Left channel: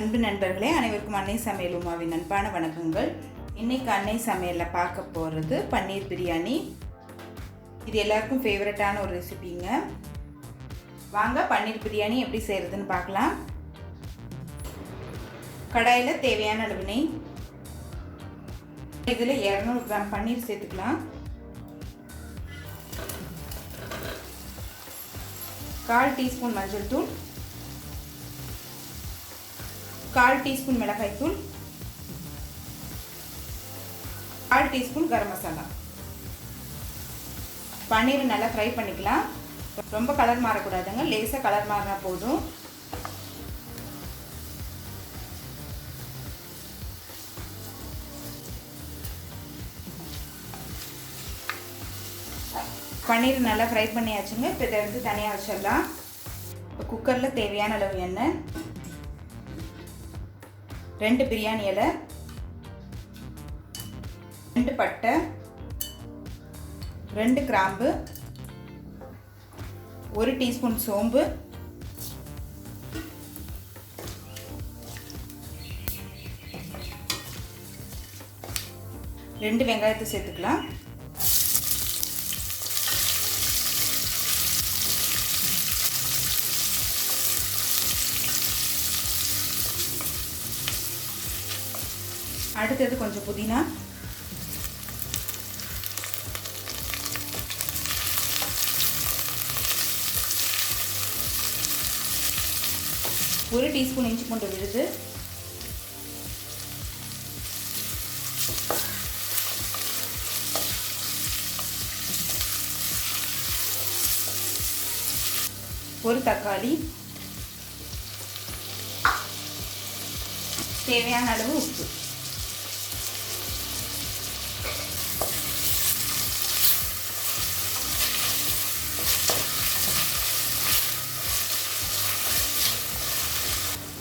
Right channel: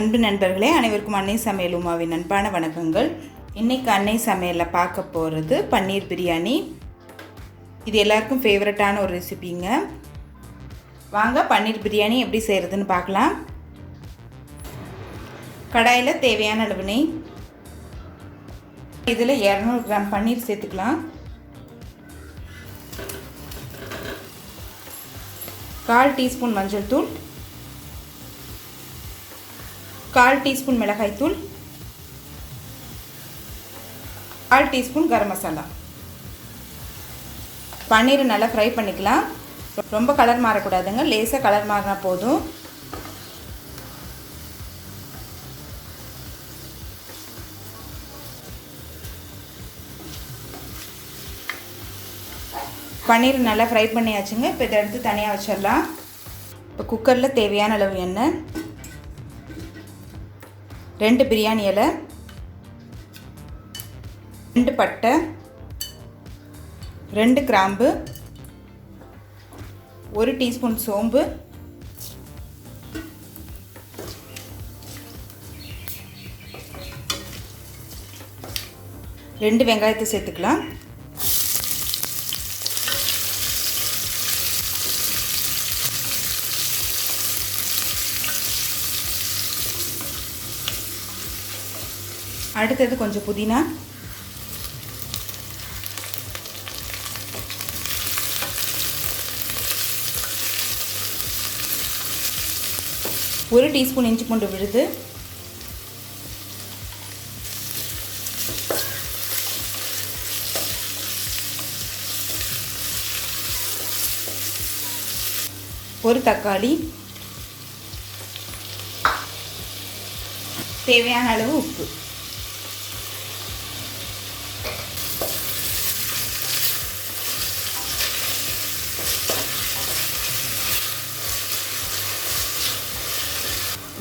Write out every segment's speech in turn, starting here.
அன்பு நண்பர்களே, அனைவருக்கும் அன்னை சமையல் உமாவின் அன்பான வணக்கங்கள். இன்றைக்கி அன்னை சமையலில் பார்க்க போகிறது பன்னீர் பிரியாணி. இது எல்லாருக்கும் ஃபேவரட்டான ஒரு ரெசிபிங்க. வாங்க பன்னீர் பிரியாணி எப்படி செய்கிறதுன்னு பார்க்கலாம். கடாயில் தேவையான அளவு நெய், இதில் 200 கிராம் பன்னீர் சேர்த்துக்கலாம். 1/4 டீஸ்பூன் மஞ்சள் தூள், 1/4 டீஸ்பூன் மிளகாய் தூள், 1/4 டீஸ்பூன் கரம் மசாலா. பன்னீரை நல்லா ஃப்ரை பண்ணிக்கலாம். ரொம்ப கலர் மாறக்கூடாதுங்க, லேசாக கலர் மாறினா போதும். பன்னீர் நல்லா ஃப்ரை பண்ணியாச்சுங்க. இப்போ இதை எடுத்து தனியாக வச்சிடலாம். இப்போ குக்கரில் தேவையான அளவு எண்ணெய், 2 பிரியாணி இலை, 2 பட்டை, 2 கிராம்பு, 1 டீஸ்பூன் சோம்பு, 2 வெங்காயத்தை சேர்த்துக்கலாம். அடுத்தது கொஞ்சம் புதினா, ஒரு டீஸ்பூன் இஞ்சி பூண்டு விழுது, ஒரு தக்காளி, தேவையான அளவு உப்பு.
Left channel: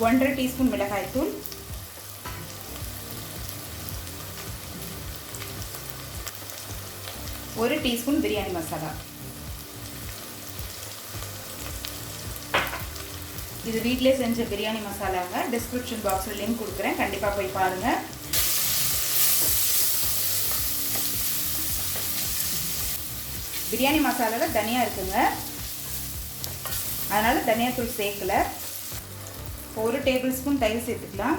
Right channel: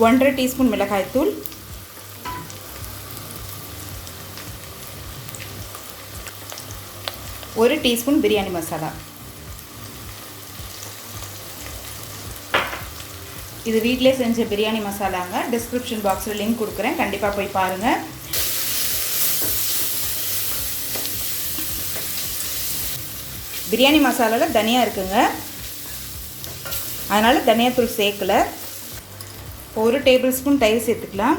ஒன்றரை டீஸ்பூன் மிளகாய் தூள், 1 டீஸ்பூன் பிரியாணி மசாலா. இது வீட்டிலே செஞ்ச பிரியாணி மசாலாங்க. டிஸ்கிரிப்ஷன் பாக்ஸில் லிங்க் கொடுக்குறேன், கண்டிப்பாக போய் பாருங்கள். பிரியாணி மசாலாவில் தனியாக இருக்குங்க, அதனால் தனியாத்தூள் சேர்க்கலை. 1 டேபிள் ஸ்பூன் தயிர் சேர்த்துக்கலாம்.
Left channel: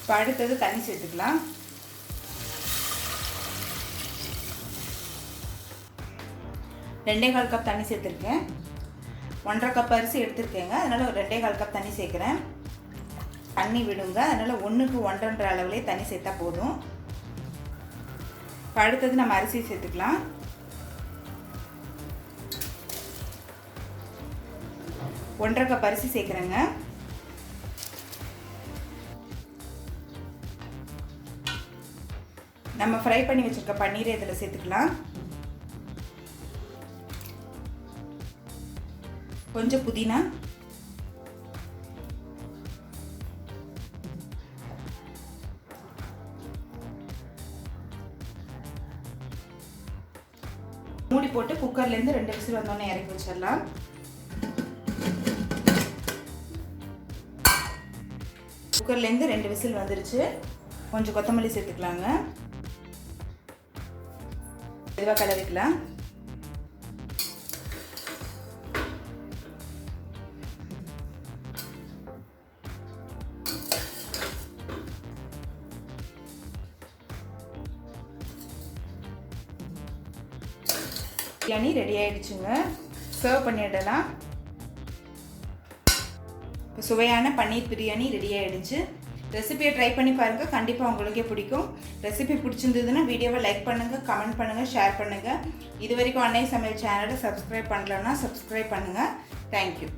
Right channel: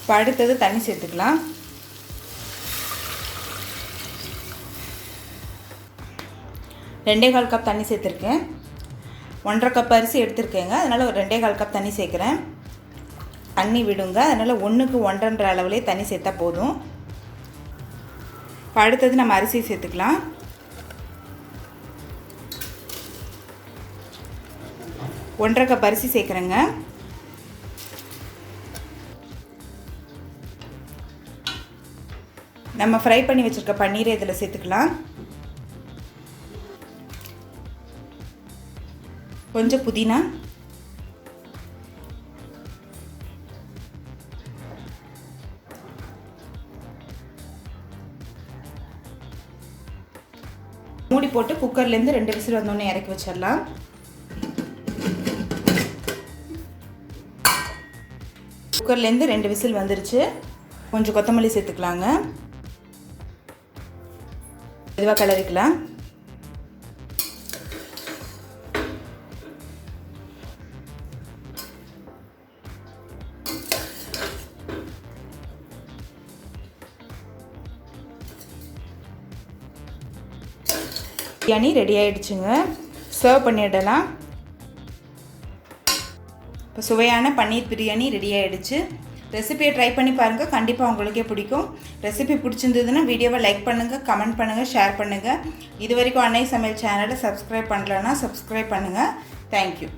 இப்போ அடுத்தது தண்ணி சேர்த்துக்கலாம். 2.25 கப் தண்ணி சேர்த்துருக்கேன். 1.5 கப் அரிசி எடுத்துருக்கேங்க, அதனால் ஒரு 2.25 கப் தண்ணி சேர்க்குறேன். தண்ணி விடுங்க, அதனால் 1க்கு 1.5 அளவுலேயே தண்ணி சேர்த்தா போதும். இப்போ அடுத்தது நம்ம அரிசி சேர்த்துக்கலாம். ஒன்றரை கப் அரிசி சேர்க்குறேங்க. நம்ம ஃப்ரை பண்ணி வச்சுருக்க பன்னீரை இதில் சேர்த்துக்கலாம். கொஞ்சம் புதினா, மூடி போட்டு குக்கர்லேருந்து 2 விசில் வந்தோடனே இறக்கி வச்சிடலாம். குக்கர்லேருந்து 2 விசில் வந்துருச்சு. கொஞ்சம் கொத்தமல்லி சேர்த்துக்கலாங்க. மெதுவாக கிளறிக்கலாம். பிரியாணி ரெடி ஆகிடுச்சுங்க, சர்வ் பண்ணிடலாம். இப்போ சுவையான பன்னீர் பிரியாணி ரெடி ஆகிடுச்சு. ரெசிபியை ட்ரை பண்ணி பாருங்கள், கண்டிப்பாக உங்களுக்கே பிடிக்கும். ரெசிபி பிடிச்சிருந்ததுன்னா வீடியோவை லைக் பண்ணுங்கள், கமெண்ட் பண்ணுங்கள், ஷேர் பண்ணுங்கள். இது வரைக்கும் அன்னை சமையல் சேனலை சப்ஸ்கிரைப் பண்ணலன்னா சப்ஸ்கிரைப் பண்ணுங்கள். தேங்க்யூ.